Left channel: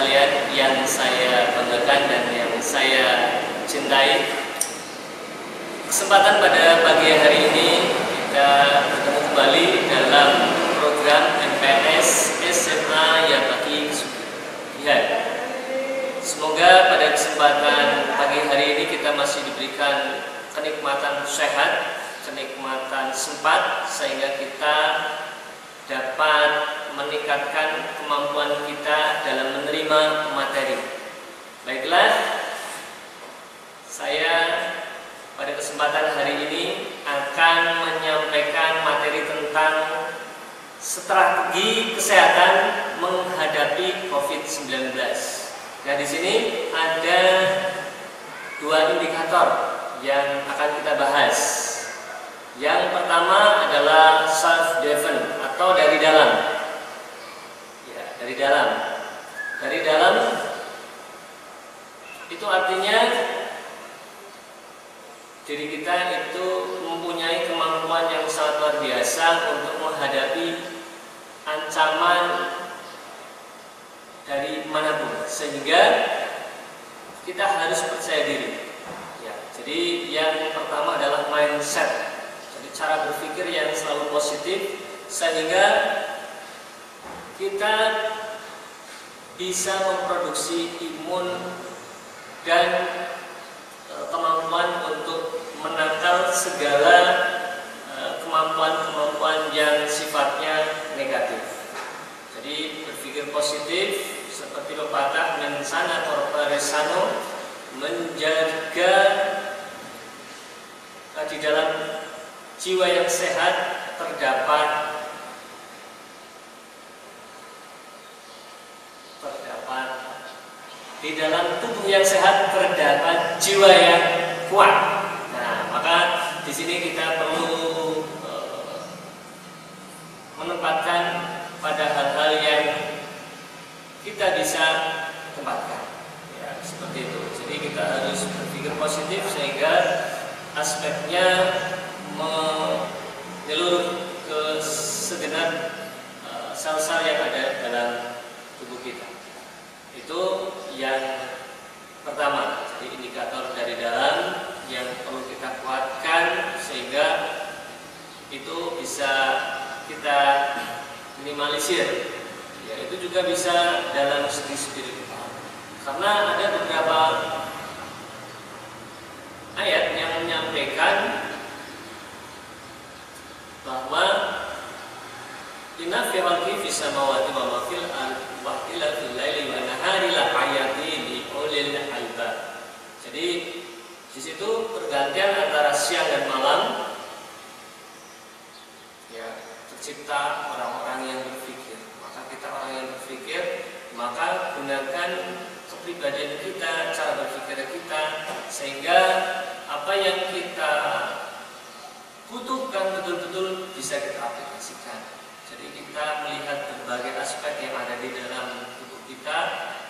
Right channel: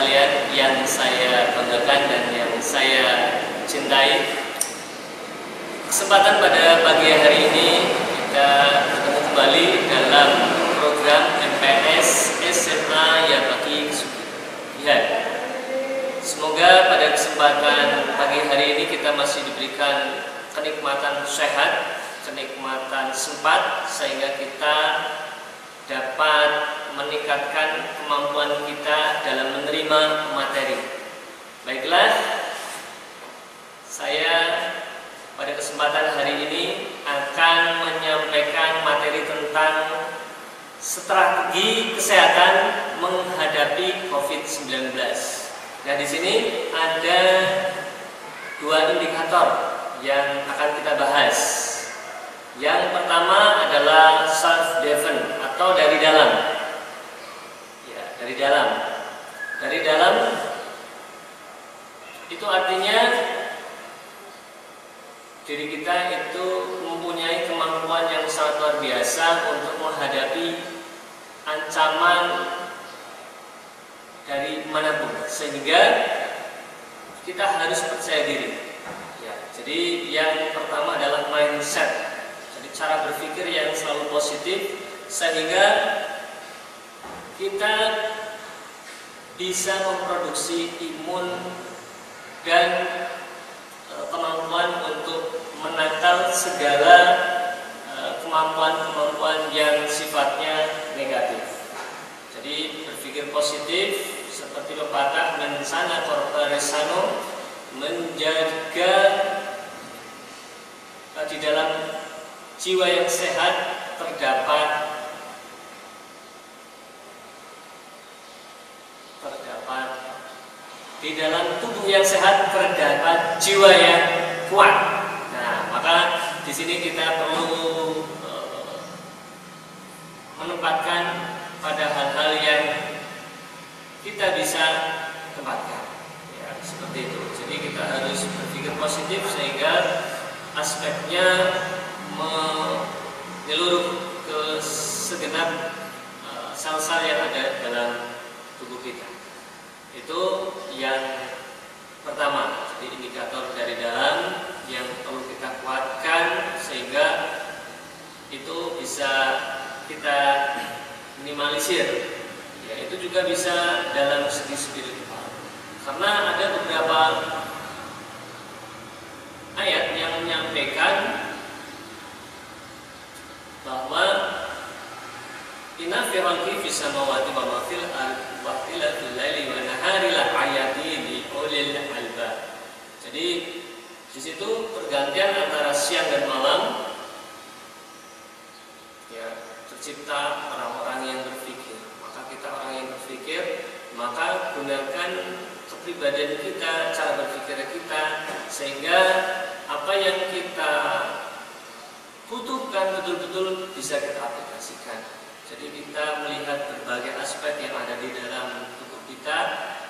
sekalian yang saya banggakan dan yang saya cintai. Kesempatan pada pagi hari ini kita bertemu kembali dalam program MPS SMA Yabaki Kesugihan. Semoga pada kesempatan pagi hari ini kita masih diberikan kenikmatan sehat, kenikmatan sempat, sehingga kita dapat meningkatkan kemampuan kita dalam menerima materi. Baiklah, saya pada kesempatan hari ini akan menyampaikan materi tentang strategi kesehatan menghadapi COVID-19. Nah, di sini ada dua indikator yang akan kita bahas. Yang pertama adalah self-driven atau dari dalam. Ya, dari dalam. Dari dalam itu artinya diri kita itu mempunyai kemampuan yang sangat luar biasa untuk menghadapi ancaman dari manapun, sehingga kita harus percaya diri. Ya, jadi yang pertama adalah mindset. Cara berpikir yang selalu positif, sehingga kita bisa memproduksi imun dan kemampuan untuk menangkal segala kemampuan-kemampuan yang sifatnya negatif. Jadi berpikir positif seperti pepatah mensana corpore sano, menjaga di dalam jiwa yang sehat terdapat di dalam tubuh yang sehat terdapat jiwa yang kuat. Nah, maka di sini kita perlu menempatkan pada hal-hal yang kita bisa tempatkan. Ya, seperti itu. Jadi kita harus berpikir positif sehingga aspeknya menyeluruh ke segenap sel-sel yang ada dalam tubuh kita. Itu yang pertama. Jadi indikator dari dalam yang perlu kita kuatkan sehingga itu bisa kita minimalisir. Ya, itu juga bisa dalam segi spiritual. Karena ada beberapa ayat yang menyampaikan bahwa inna fi khalqi fis samawati wa ma fil ardi wa ikhtilafil laili wan nahari la ayatin li ulil albab. Jadi di situ pergantian antara siang dan malam, ya, tercipta orang-orang yang berpikir. Maka kita orang yang berpikir, maka gunakan kepribadian kita, cara berpikir kita, sehingga apa yang kita butuhkan betul-betul bisa kita aplikasikan. Jadi kita melihat berbagai aspek yang ada di dalam tubuh kita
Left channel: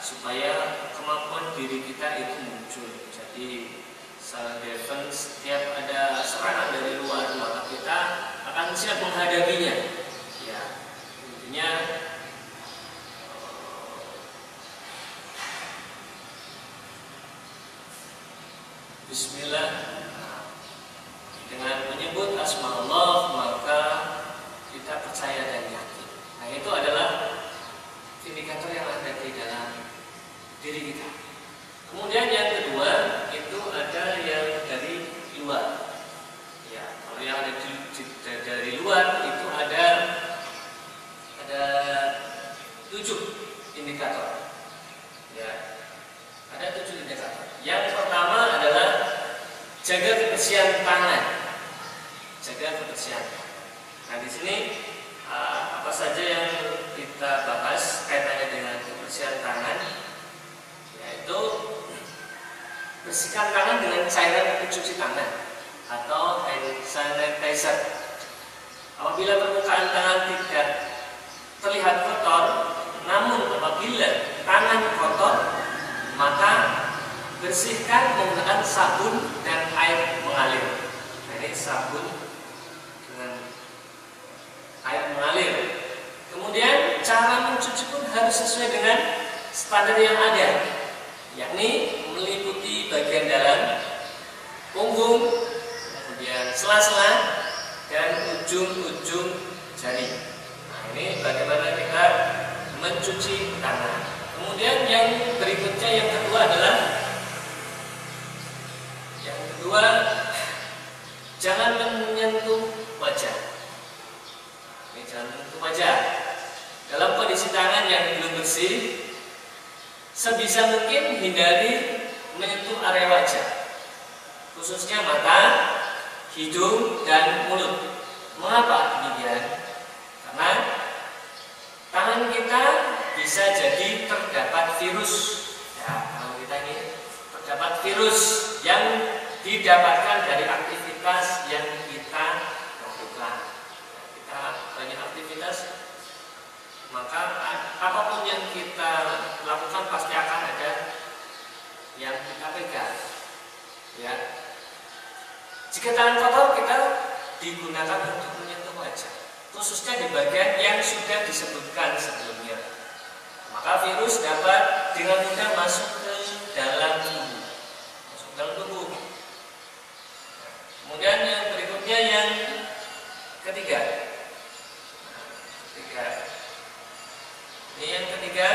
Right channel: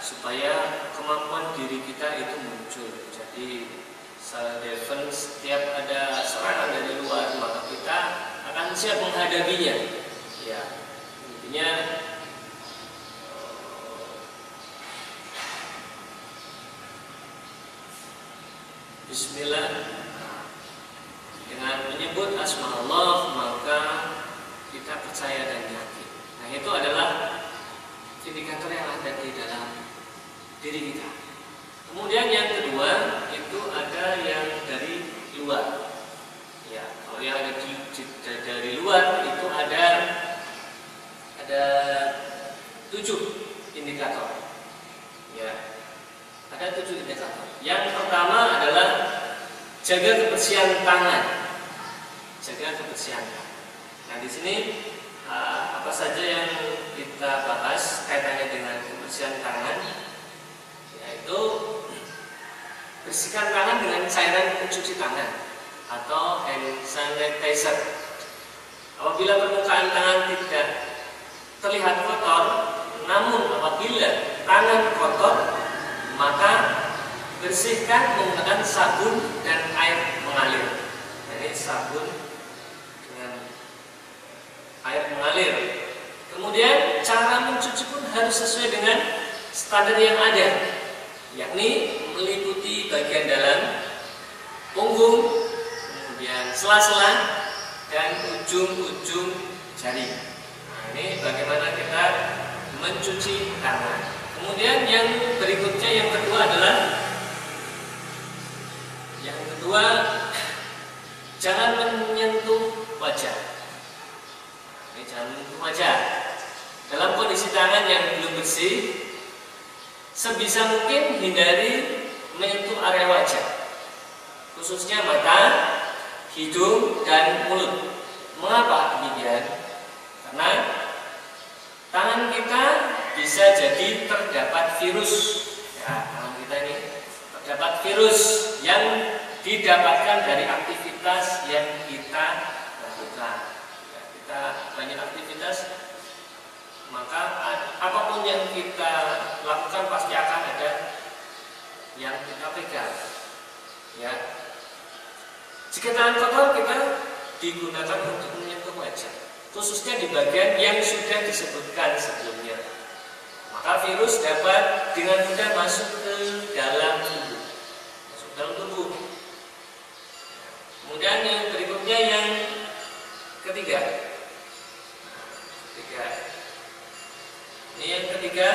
supaya kemampuan diri kita itu muncul. Jadi self-defense, setiap ada serangan dari luar, maka kita akan siap menghadapinya. Ya, intinya Bismillah. Dengan menyebut asma Allah maka kita percaya dan yakin. Nah, itu adalah indikator yang ada di dalam diri kita. Kemudian yang kedua itu ada yang dari luar. Ya, kalau yang ada dari luar itu ada 7 indikator. Ya, ada 7 indikator. Yang pertama adalah jaga kebersihan tangan. Jaga kebersihan. Nah, di sini apa saja yang kita bahas kaitannya dengan kebersihan tangan, yaitu bersihkan tangan dengan cairan pencuci tangan atau hand sanitizer. Apabila permukaan tangan tidak terlihat kotor, namun apabila tangan kotor, maka bersihkan menggunakan sabun dan air mengalir. Nah, ini sabun dengan air mengalir. Kemudian cara mencuci pun harus sesuai dengan standar yang ada, yakni meliputi bagian dalam punggung, kemudian sela-sela dan ujung-ujung jari. Nah, ini bagaimana kita mencuci tangan. Kemudian yang berikutnya, yang kedua adalah jangan menyentuh wajah. Ini jangan menyentuh wajah. Dalam kondisi tangan yang belum bersih, sebisa mungkin hindari menyentuh area wajah, khususnya mata, hidung, dan mulut. Mengapa demikian? Karena tangan kita bisa jadi terdapat virus. Ya, kalau kita ini terdapat virus yang didapatkan dari aktivitas yang kita lakukan. Ya, kita banyak aktivitas, maka apapun yang kita lakukan pasti akan ada yang kita pegang. Ya. Jika tangan kotor, kita digunakan untuk menyentuh wajah, khususnya di bagian yang sudah disebutkan sebelumnya. Maka virus dapat dengan mudah masuk ke dalam tubuh. Kemudian yang berikutnya, yang ketiga. Yang ketiga,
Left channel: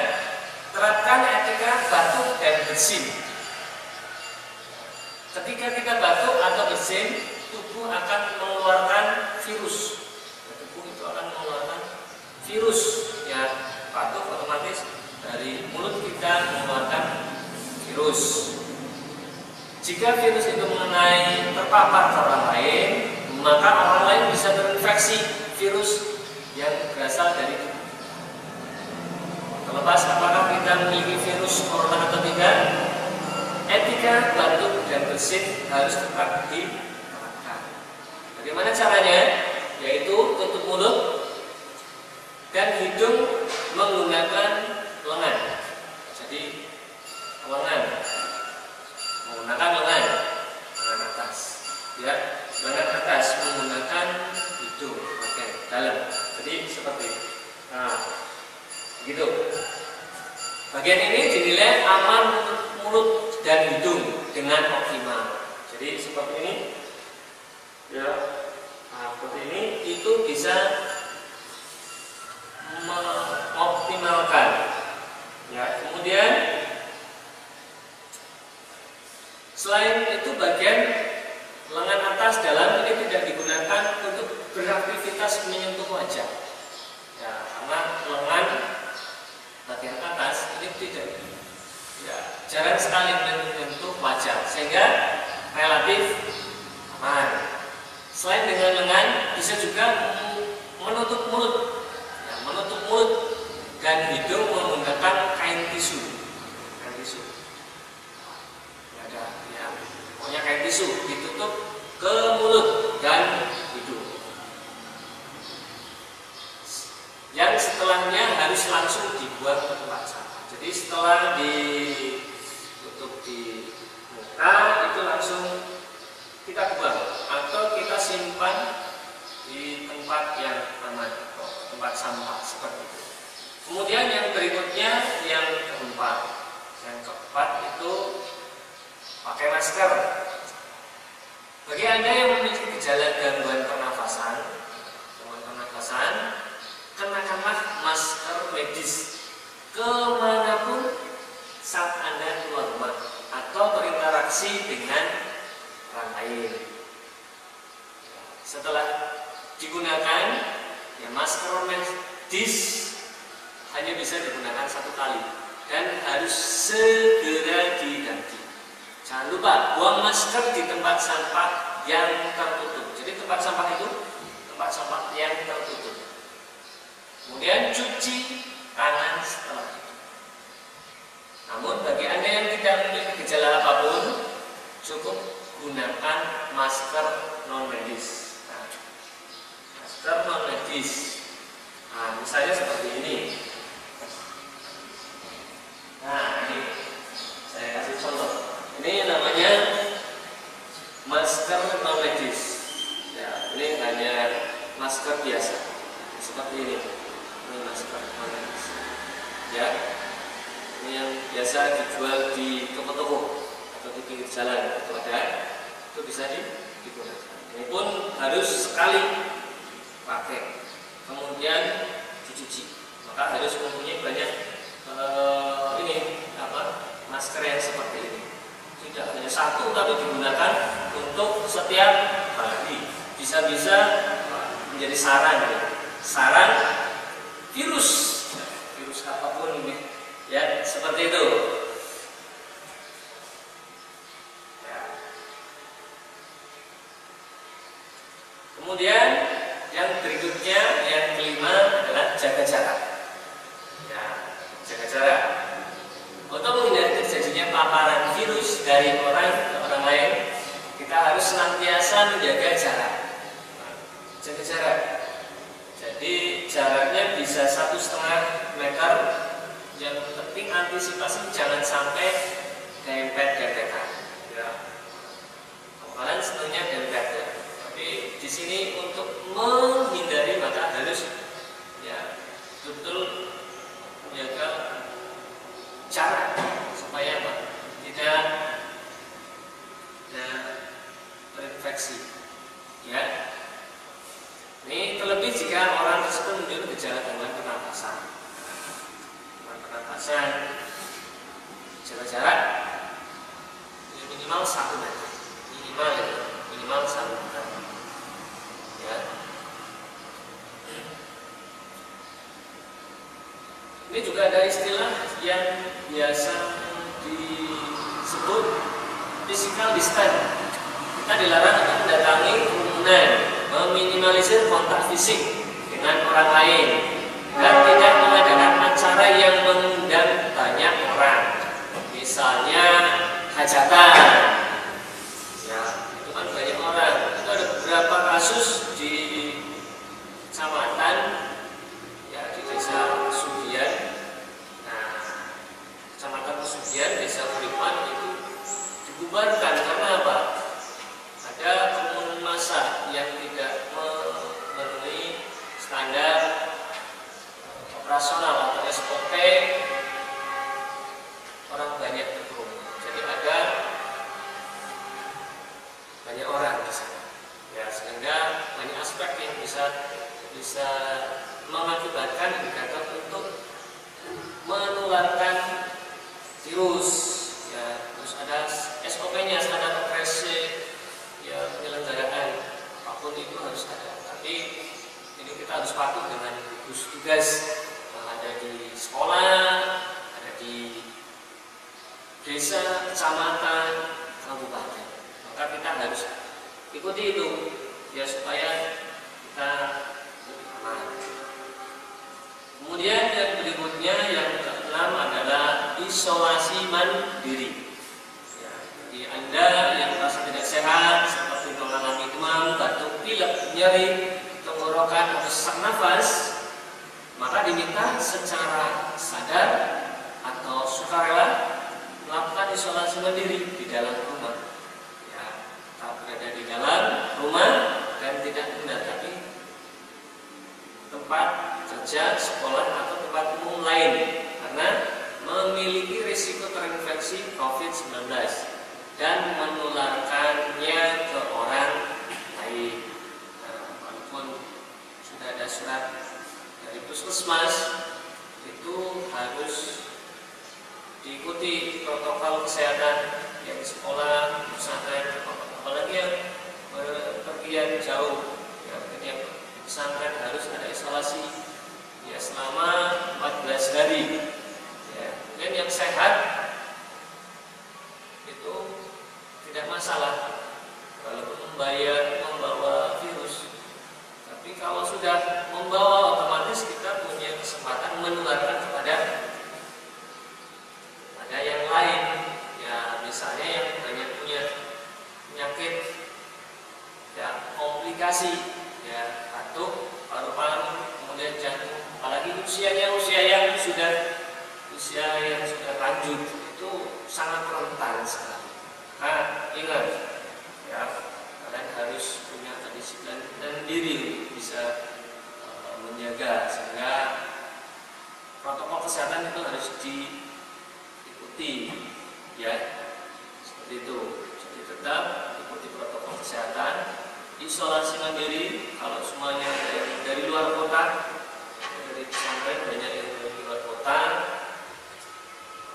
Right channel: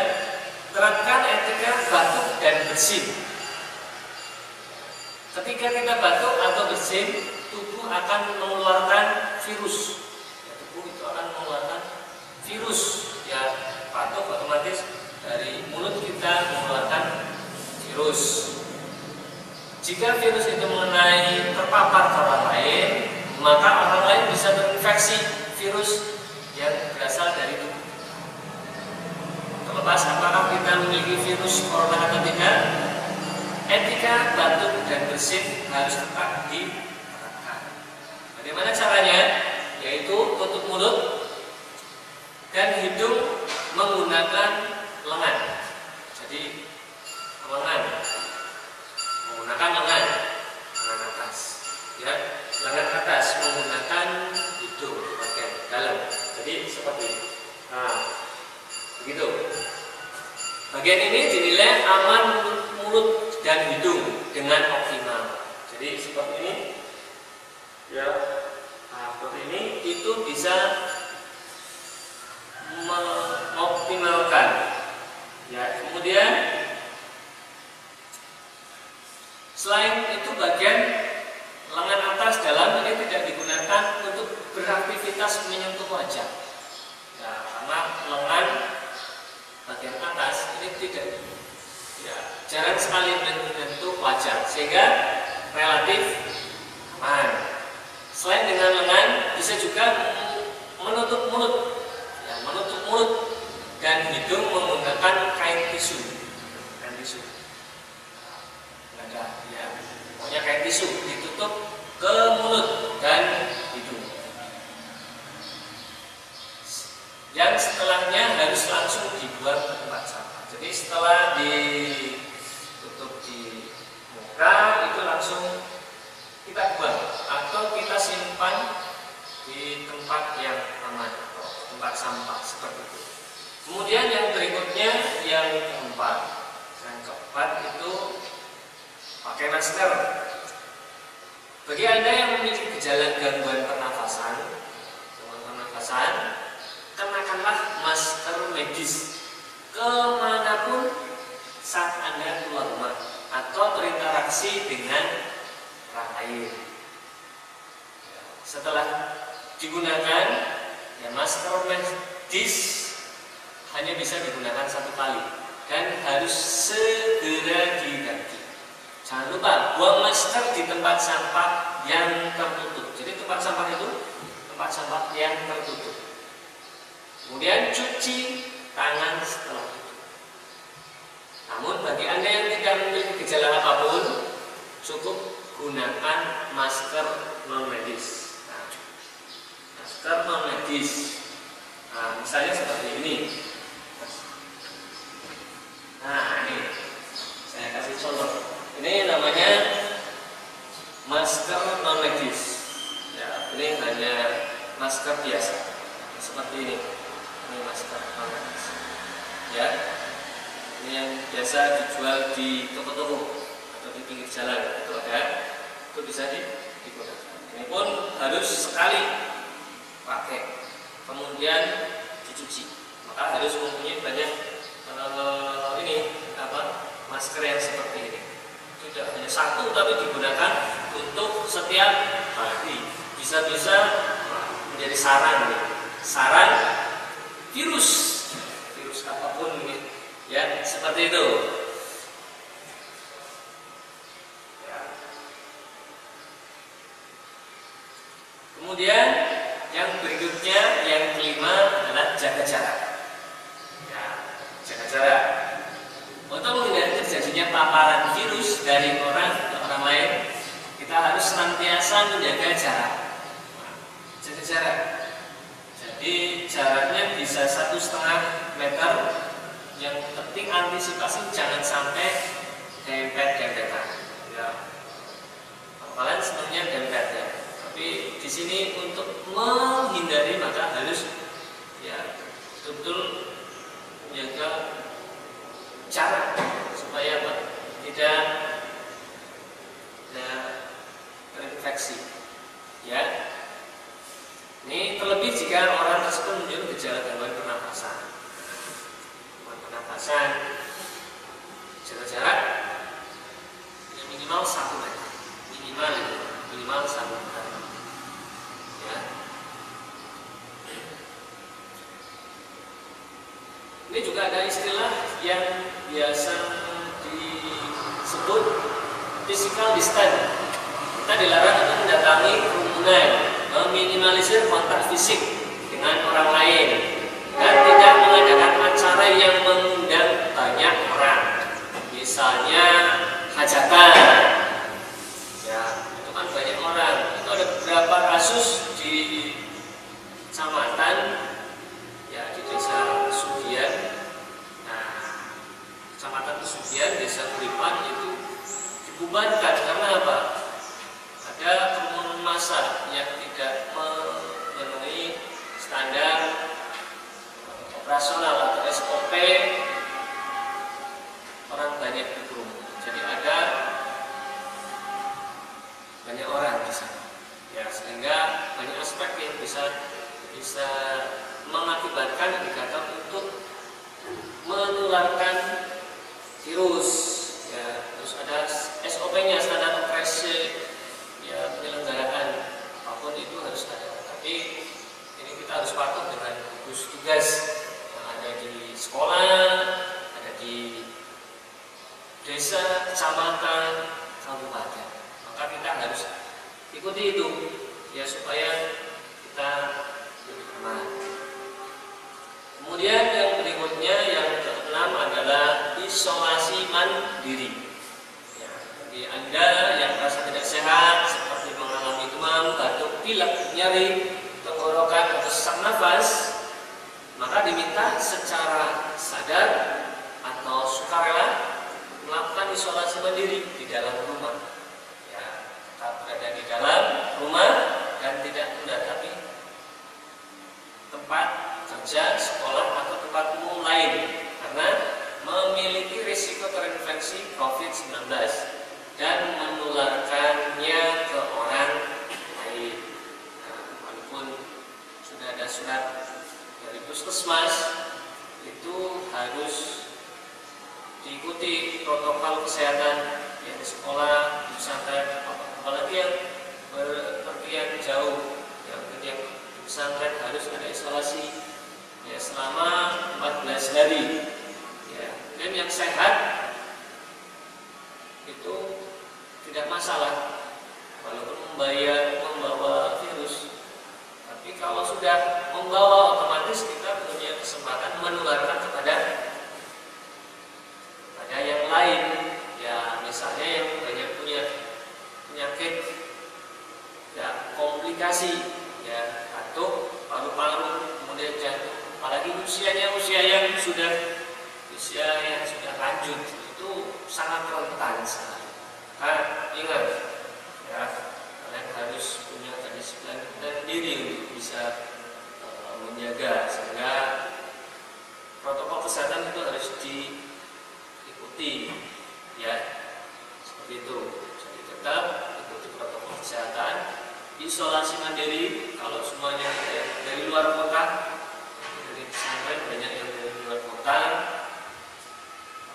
terapkan etika batuk dan bersin. Ketika kita batuk atau bersin, tubuh akan mengeluarkan virus. Tubuh itu akan mengeluarkan virus. Ya, batuk otomatis dari mulut kita mengeluarkan virus. Jika virus itu mengenai terpapar ke orang lain, maka orang lain bisa terinfeksi virus yang berasal dari tubuh. Terlepas apakah kita memiliki virus corona atau tidak, etika batuk dan bersin harus tetap diterapkan. Bagaimana caranya? Yaitu tutup mulut dan hidung menggunakan lengan. Jadi lengan atas, ya, lengan atas menggunakan hidung bagian dalam. Jadi seperti ini. Nah, begitu. Bagian ini dinilai aman untuk mulut dan hidung dengan optimal. Jadi seperti ini, ya, seperti ini itu bisa mengoptimalkan. Ya, kemudian selain itu bagian lengan atas dalam ini tidak digunakan untuk beraktivitas menyentuh wajah. Ya, karena lengan bagian atas ini tidak, ya, jarang sekali menyentuh wajah, sehingga relatif aman. Selain dengan lengan, bisa juga menutup mulut, ya, menutup mulut dan hidung menggunakan kain tisu. Pokoknya kain tisu ditutup ke mulut dan hidung. Yang setelahnya harus langsung dibuang ke tempat sampah. Jadi setelah ditutup di muka itu langsung kita buang atau kita simpan di tempat yang aman, tempat sampah seperti itu. Kemudian yang berikutnya, yang keempat itu pakai masker. Bagi Anda yang memiliki gejala gangguan pernafasan, kenakanlah masker medis kemanapun saat Anda keluar rumah atau berinteraksi dengan orang lain. Setelah digunakan, ya, masker medis hanya bisa digunakan satu kali dan harus segera diganti. Jangan lupa buang masker di tempat sampah yang tertutup. Jadi tempat sampah itu tempat sampah yang tertutup. Kemudian cuci tangan setelah itu. Namun bagi Anda yang tidak memiliki gejala apapun, cukup gunakan masker non medis. Masker non medis. Nah, misalnya seperti ini. Nah, ini saya kasih contoh. Ini namanya masker non medis. Ya, ini hanya masker biasa seperti ini. Ini masker non medis. Ya, ini biasa dijual di toko-toko atau di pinggir jalan itu ada, itu bisa digunakan. Ini pun harus sekali pakai, kemudian dicuci. Maka harus mempunyai banyak masker yang seperti ini. Tidak hanya satu, tapi digunakan untuk setiap hari. Bisa-bisa menjadi sarang virus apapun, ya seperti itu. Kemudian yang berikutnya, yang kelima adalah jaga jarak. Jaga jarak. Untuk menghindari terjadinya paparan virus dari orang ke orang lain, kita harus senantiasa menjaga jarak. Jaga jarak. Jadi jaraknya bisa 1,5 meter. Yang penting antisipasi jangan sampai dempet dan dekat. Ya. Kalian senangnya dempet ya. Tapi di sini untuk menghindari maka harus ya betul-betul menjaga jarak supaya tidak terinfeksi. Ya. Ini terlebih jika orang tersebut menunjukkan gejala gangguan pernapasan. Jaga jarak minimal 1 meter. Minimal 1 meter. Ya. Ini juga ada istilah yang biasa disebut physical distance. Kita dilarang untuk mendatangi kerumunan, meminimalisir kontak fisik dengan orang lain, dan tidak mengadakan acara yang mengundang banyak orang, misalnya hajatan. Ya, itu kan banyak orang. Itu ada beberapa kasus di kecamatan, ya di desa Sugian. Nah, kecamatan Sugian, desa Uripan itu dibubarkan karena apa? Ada kerumunan massa yang tidak memenuhi standar operasional atau SOP, orang banyak berkerumun. Jadi ada banyak orang di sana. Ya, sehingga banyak aspek yang bisa mengakibatkan indikator untuk menularkan virus. Ya, terus ada SOP-nya, standar operasi. Ya, penyelenggaraan apapun itu harus ada. Tapi ini kita harus patuh dengan gugus tugas yang ada di sekolah, ada di desa, kecamatan, kabupaten. Maka kita harus ikuti itu ya supaya kita lebih aman. Kemudian yang berikutnya, yang keenam adalah isolasi mandiri. Bagi Anda yang merasa tidak sehat seperti mengalami demam, batuk, pilek, nyeri, tenggorokan, atau sesak nafas, maka diminta secara sadar atau sukarela melakukan isolasi mandiri di dalam rumah. Ya, tetap berada di dalam rumah dan tidak mendatangi tempat kerja, sekolah, atau tempat umum lain karena memiliki risiko terinfeksi COVID-19 dan menularkannya ke orang lain. Nah, walaupun sudah ada surat dari puskesmas, itu harus diikuti protokol kesehatan yang di sekolah, di pesantren, apalagi yang berpergian jauh, yang pesantren harus ada isolasi ya selama 14 hari. Ya. Dan yang sehat itu tidak masalah walaupun membawa virus, tapi kalau sudah membawa otomatis kita punya kesempatan menularkan kepada ada yang lain. Ya, misalnya yang banyak punya penyakit ya komplikasi ya, batuk, paru-paru, kemudian jantung, apalagi usia yang sudah lanjut itu sangat rentan sekali. Nah, ingat ya, kalian harus punya kedisiplinan dan diri untuk bisa menjaga, sehingga protokol kesehatan itu harus diikuti, ya seperti itu. Jadi tetap ikuti protokol kesehatan, isolasi mandiri. Kalau semuanya dari luar kota, dari pesantren banyak yang dari luar kota,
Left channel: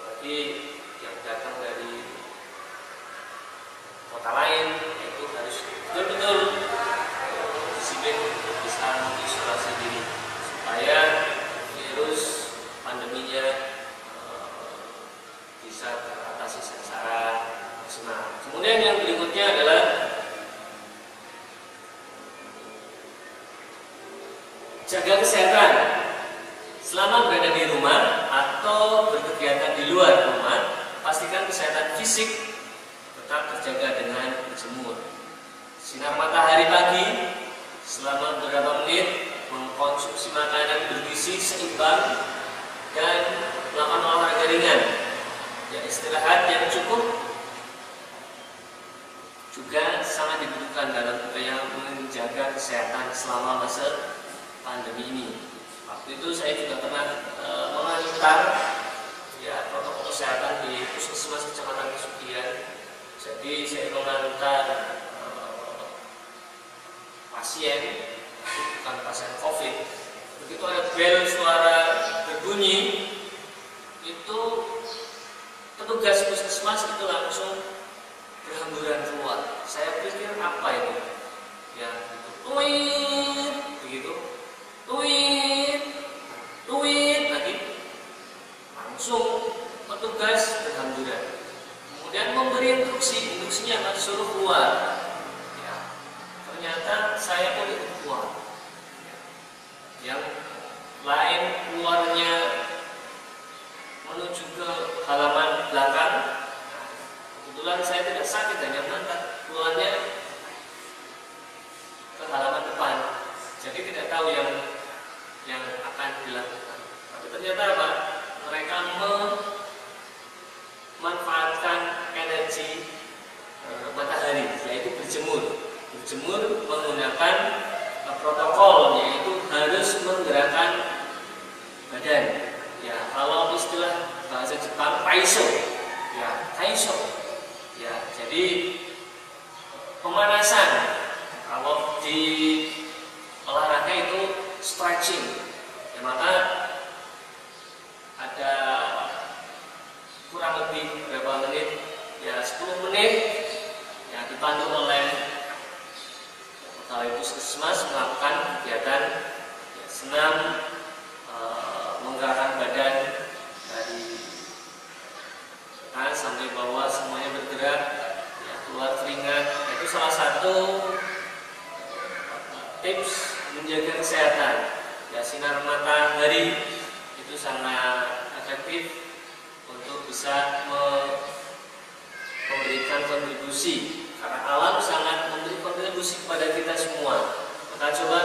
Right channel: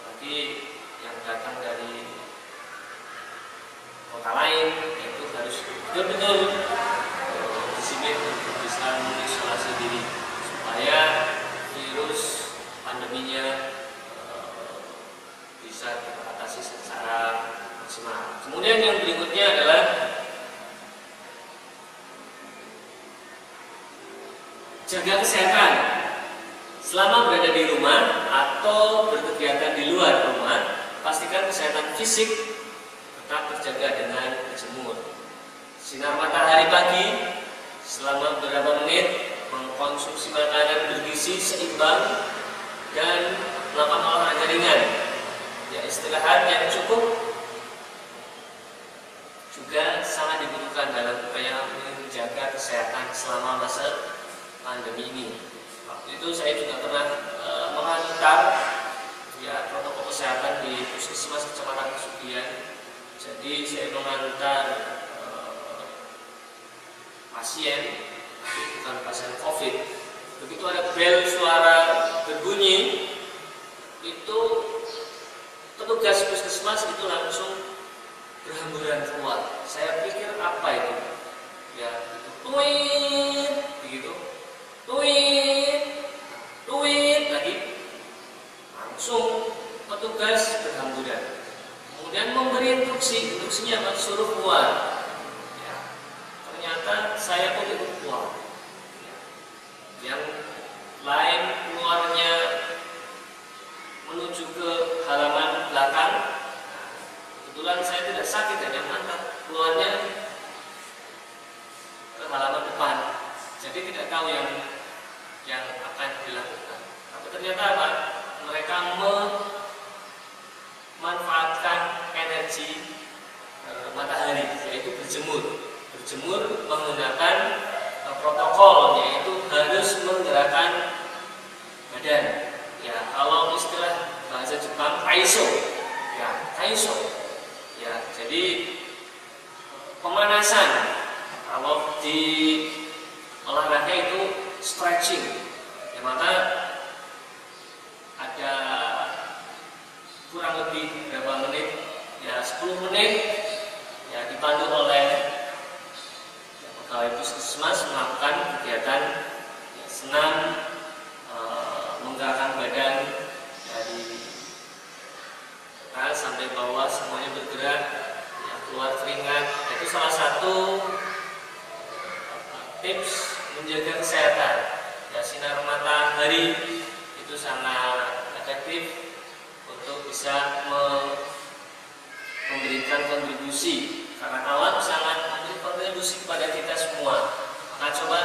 apalagi yang datang dari kota lain, itu harus betul-betul disiplin untuk bisa mengisolasi diri supaya virus pandeminya bisa teratasi secara maksimal. Kemudian yang berikutnya adalah jaga kesehatan. Selama berada di rumah atau berkegiatan di luar rumah, pastikan kesehatan fisik tetap terjaga dengan berjemur. Sinar matahari pagi selama beberapa menit, mengkonsumsi makanan bergizi seimbang, dan melakukan olahraga ringan. Ya, istirahat yang cukup juga sangat dibutuhkan dalam upaya menjaga kesehatan selama masa pandemi ini. Waktu itu saya juga pernah mengantar ya protokol kesehatan di Puskesmas Kecamatan Kesugihan. Jadi saya mengantar pasien, bukan pasien COVID. Begitu ada bel suara berbunyi, itu petugas puskesmas itu langsung berhamburan keluar. Saya pikir apa itu? Ya, tuit, begitu, tuit lagi. Langsung petugas berhamburan. Kemudian memberi instruksinya akan suruh keluar. Ya, ternyata saya pun ikut keluar. Ya. Yang lain keluarnya menuju ke halaman belakang. Kebetulan saya tidak sakit, hanya mengantar keluarnya ke halaman depan. Jadi tidak tahu yang akan dilakukan. Tapi ternyata apa? Mereka memanfaatkan energi matahari, yaitu berjemur menggunakan protokol, yaitu harus menggerakkan badan. Ya, kalau istilah bahasa Jepang taiso, ya, jadi pemanasan. Kalau di olahraga itu stretching, ya, maka ada kurang lebih berapa menit, ya 10 menit, ya dipandu oleh pegawai puskesmas melakukan kegiatan ya, senam, menggerakkan badan dari atas sampai bawah, semuanya bergerak, ya, keluar keringat. Itu salah satu tips menjaga kesehatan. Ya, sinar matahari itu sangat efektif untuk bisa memberikan kontribusi, karena alam sangat memberi kontribusi kepada kita semua. Maka coba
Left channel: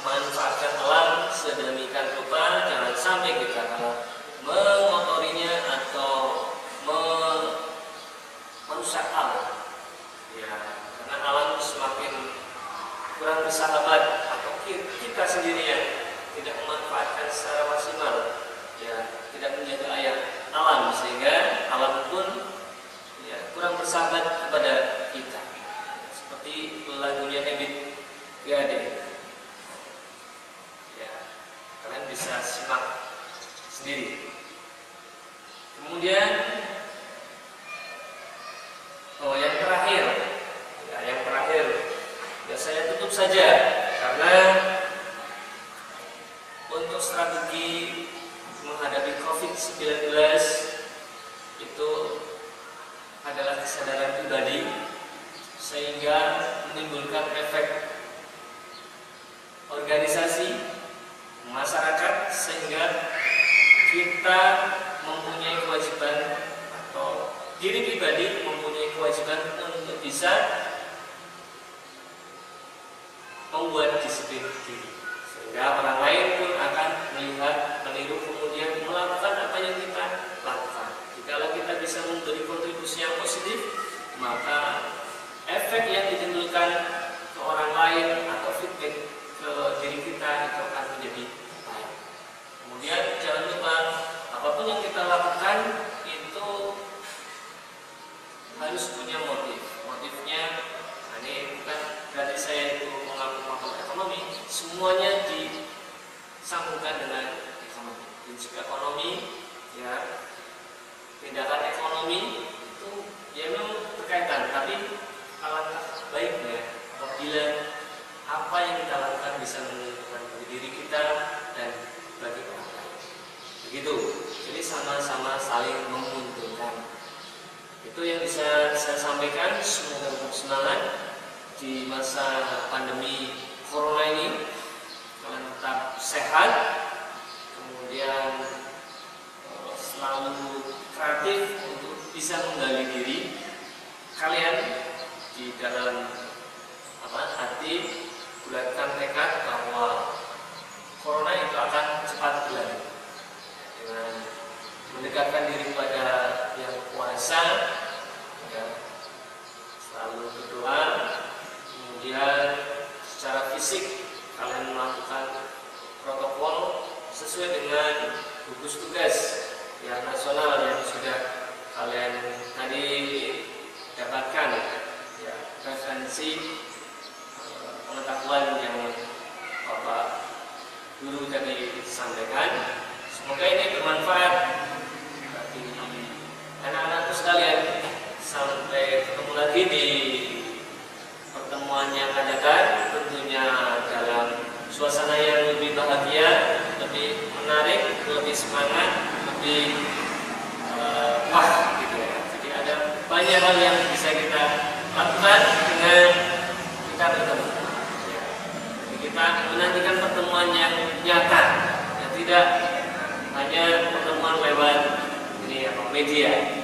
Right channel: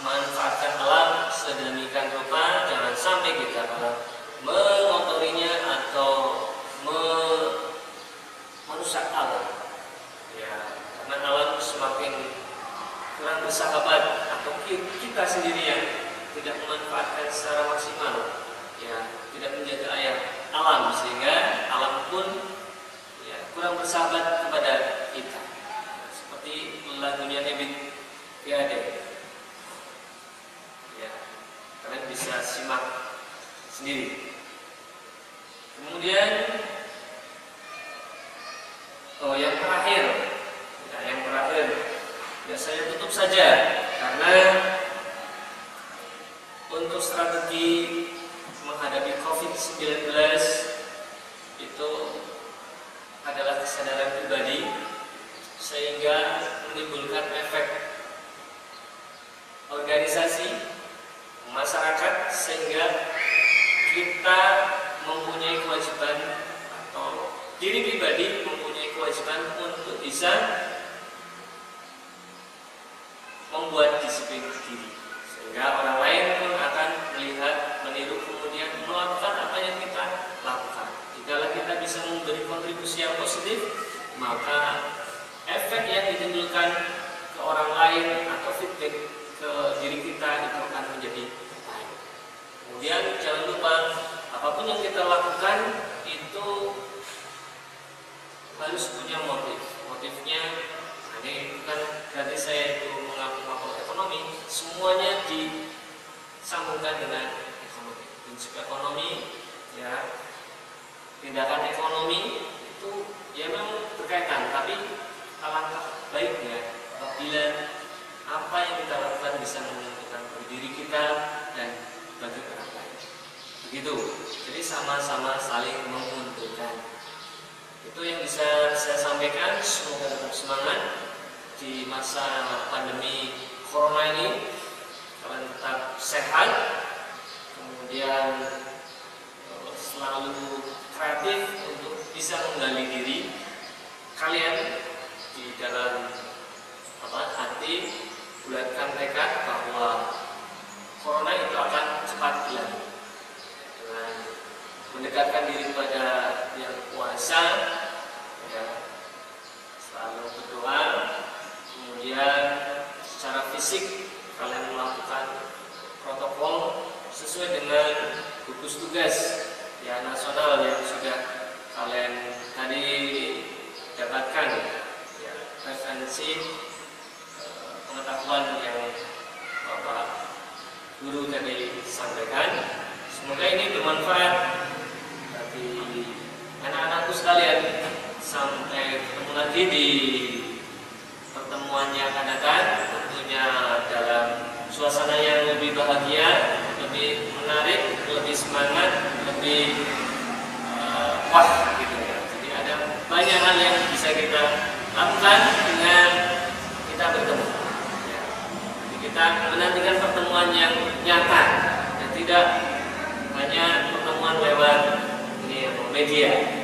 manfaatkan alam sedemikian rupa, jangan sampai kita malah mengotorinya atau merusak alam. Ya, karena alam semakin kurang bersahabat, atau kita sendiri yang tidak memanfaatkan secara maksimal, ya, tidak menjaga alam, sehingga alam pun ya kurang bersahabat kepada kita. Seperti lagunya Ebit Yade. Ya, kalian bisa simak sendiri. Kemudian yang terakhir, ya saya tutup saja, karena untuk strategi menghadapi COVID-19 itu adalah kesadaran pribadi, sehingga menimbulkan efek organisasi masyarakat, sehingga kita mempunyai kewajiban, atau diri pribadi mempunyai kewajiban untuk bisa membuat disiplin diri, sehingga orang lain pun akan melihat, meniru, kemudian melakukan apa yang kita lakukan. Jika kita bisa memberi kontribusi yang positif, maka efek yang ditimbulkan ke orang lain atau feedback ke diri kita itu akan menjadi baik. Kemudian jangan lupa, apapun yang kita lakukan itu begitu. Jadi sama-sama saling menguntungkan. Itu yang bisa saya sampaikan. Semoga tetap semangat di masa pandemi corona ini. Kalian tetap sehat, kemudian selalu kreatif untuk bisa menggali diri kalian di dalam hati, bulatkan tekad bahwa corona itu akan cepat berlalu. Dengan mendekatkan diri kepada yang kuasa, ya, selalu berdoa, kemudian secara fisik kalian melakukan protokol sesuai dengan gugus tugas yang nasional yang sudah kalian tadi dapatkan, ya, referensi pengetahuan yang Bapak Guru tadi sampaikan. Semoga ini bermanfaat bagi anak-anakku sekalian. Sampai ketemu lagi di pertemuan yang akan datang, tentunya dalam suasana yang lebih bahagia, lebih menarik, lebih semangat, lebih wah gitu ya. Jadi ada banyak hal yang bisa kita lakukan dengan kita bertemu. Kita menantikan pertemuan yang nyata dan tidak hanya pertemuan lewat media.